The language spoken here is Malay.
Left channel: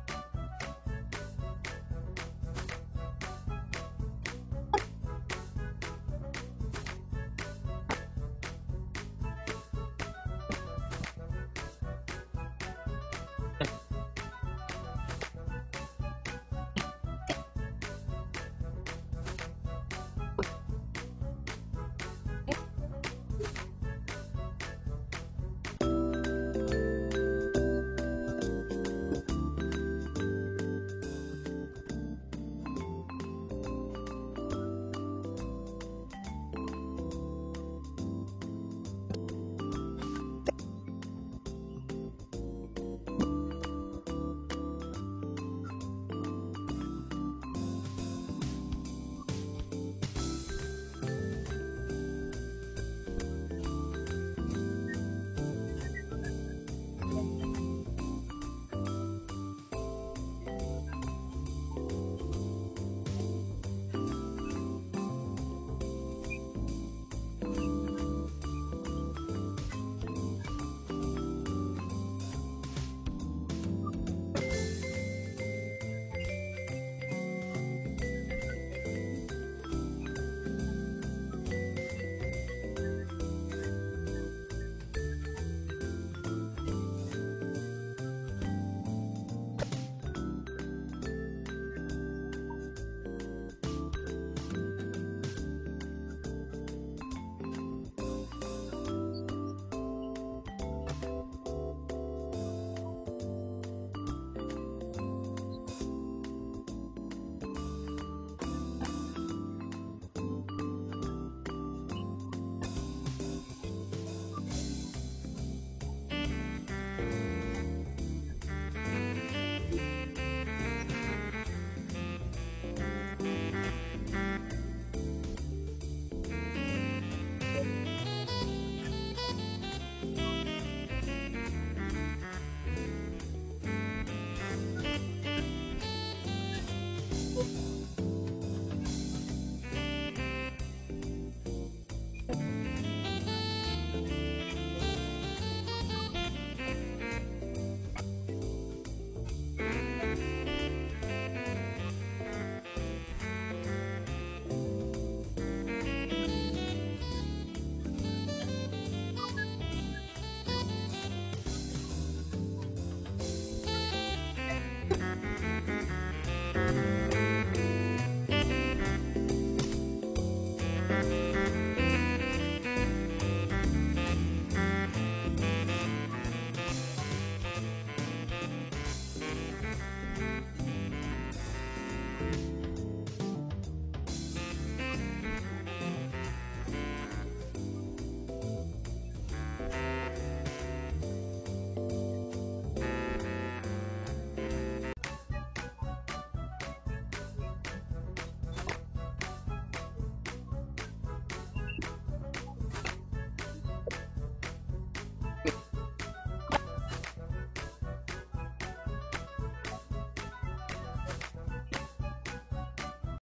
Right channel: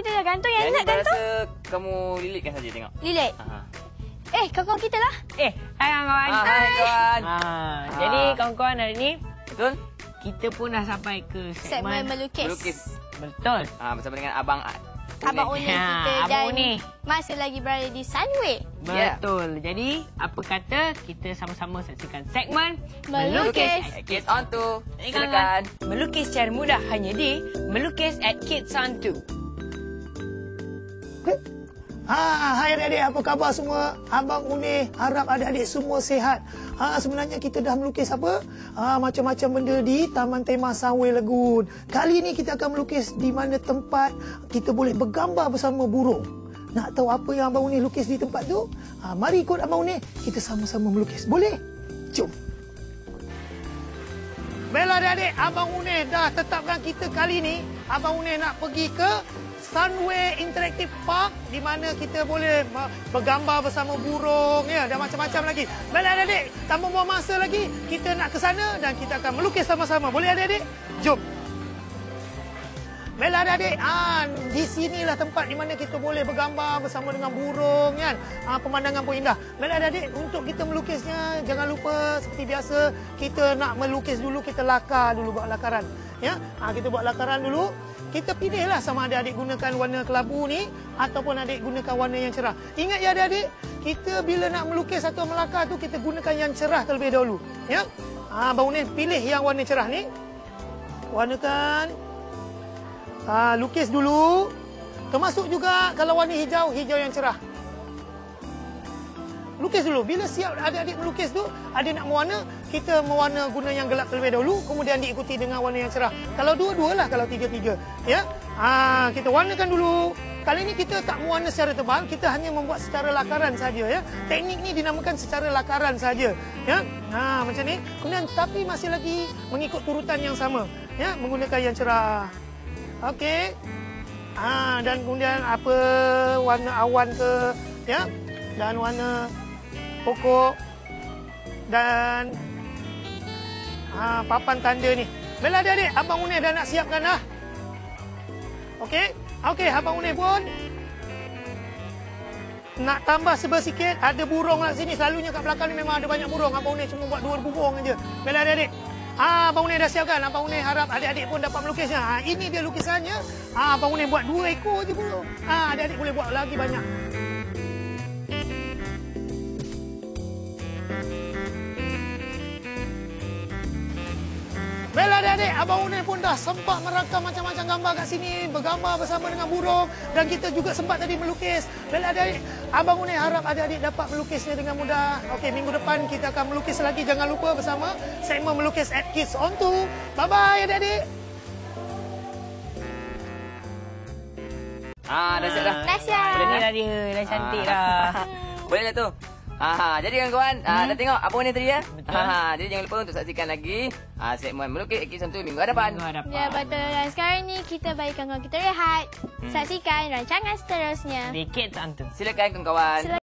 kita dah gantung. Yang nak gantung? Saya rasa kamu lilitkan saja tengok. Lilit. Kawan-kawan kita lah. Hai kawan-kawan. Hai kawan. Jadi kawan-kawan hari ni Betul? kita pun dah sampai ke Segmen melukis. Melukis. Betul. Bersama dengan Abang Abang Unik kita Abang dan Unik. Mas lagi berada di Sunway. Betul. Jadi apa kata kita sama-sama saksikan segmen Melukis. Kids on to. Silakan. Silakan. Melukis secara mudah hanya di Melukis at Kids on 2. Hai adik-adik, apa khabar semua? Abang Unik harap adik-adik semua sihat. Sebenarnya kita dah melukis apa? Macam-macam benda di Taman Tema Sunway Lagoon. Kali ini kita akan melukis di mana tempat kita boleh bergambar bersama burung. Nak tahu apa yang Abang Unik lukis di tempat tu? Mari ikut Abang Unik, kita sama-sama melukis. Boleh? Jom. Baiklah adik-adik, Abang Unik dah tetapkan kita kali ini. Abang Unik nak pergi ke Sunway Interactive Park di mana kita boleh bergambar bersama burung dan macam-macam lagi. Baiklah adik-adik, tanpa buang masa lagi, kita nak ke sana dan kita akan melukis sama-sama. Boleh adik-adik? Jom. Baiklah adik-adik, di sinilah tempat di mana kita boleh bergambar bersama dengan burung kan. Pemandangan pun indah. Baiklah adik-adik, untuk kita melukisnya jangan lupa seperti biasa kita nak melukis dulu, kita lakar dulu, buat lakaran. Kita buat lakaran dulu. Kita pilihlah sama ada adik gunakan warna kelabu ni ataupun adik gunakan warna yang cerah. Ingat ya adik-adik, kita bila nak melukis atau melakar tu kita gunakan yang cerah terlebih dahulu. Abang Unik pilih yang warna cerah ni. Warnakan. Lukis dulu. Termasuk juga kalau warna hijau, hijau yang cerah. Lukis dulu. Bila siap adik-adik melukis tu, adik nak mewarna, kita mewarna guna yang gelap terlebih dahulu, kemudian diikuti dengan warna yang cerah. Kalau dua-dua lah, kalau tiga-tiga. Kita warnakan dulu. Kali ini kita tak mewarna secara tebal, kita hanya membuat secara lakaran saja. Teknik ni dinamakan secara lakaran saja. Macam ni. Kemudian tapi masih lagi mengikut urutan yang sama. Menggunakan yang cerah. Okey. Dan kemudian apa warna awan ke, dan warna pokok dan papan tanda ni. Baiklah adik-adik, Abang Unik dah nak siapkan dah. Okey, Abang Unik pun nak tambah sikit. Ada burung kat sini. Selalunya kat belakang ni memang ada banyak burung. Abang Unik cuma buat 2 burung aja. Baiklah adik-adik. Abang Unik dah siapkan. Abang Unik harap adik-adik pun dapat melukisnya. Ini dia lukisannya. Abang Unik buat 2 ekor je burung. Adik-adik boleh buat lagi banyak. Baiklah adik-adik, Abang Unik pun dah sempat merakam macam-macam gambar kat sini, bergambar bersama dengan burung dan kita juga sempat tadi melukis. Baiklah adik-adik, Abang Unik harap adik-adik dapat melukisnya dengan mudah. Okey, minggu depan kita akan melukis lagi. Jangan lupa bersama segmen melukis at Kids on 2. Bye-bye adik-adik. Dah siap dah. Dah siap. Boleh dah dia. Dah cantik dah. Boleh lah tu. Jadi kawan-kawan, dah tengok apa ni tadi ya? Jadi jangan lupa untuk saksikan lagi segmen melukis Kids on 2 minggu hadapan. Ya, betul. Dan sekarang ni kita bagi kawan-kawan kita rehat. Saksikan rancangan seterusnya. Di Kids on 2. Silakan kawan-kawan.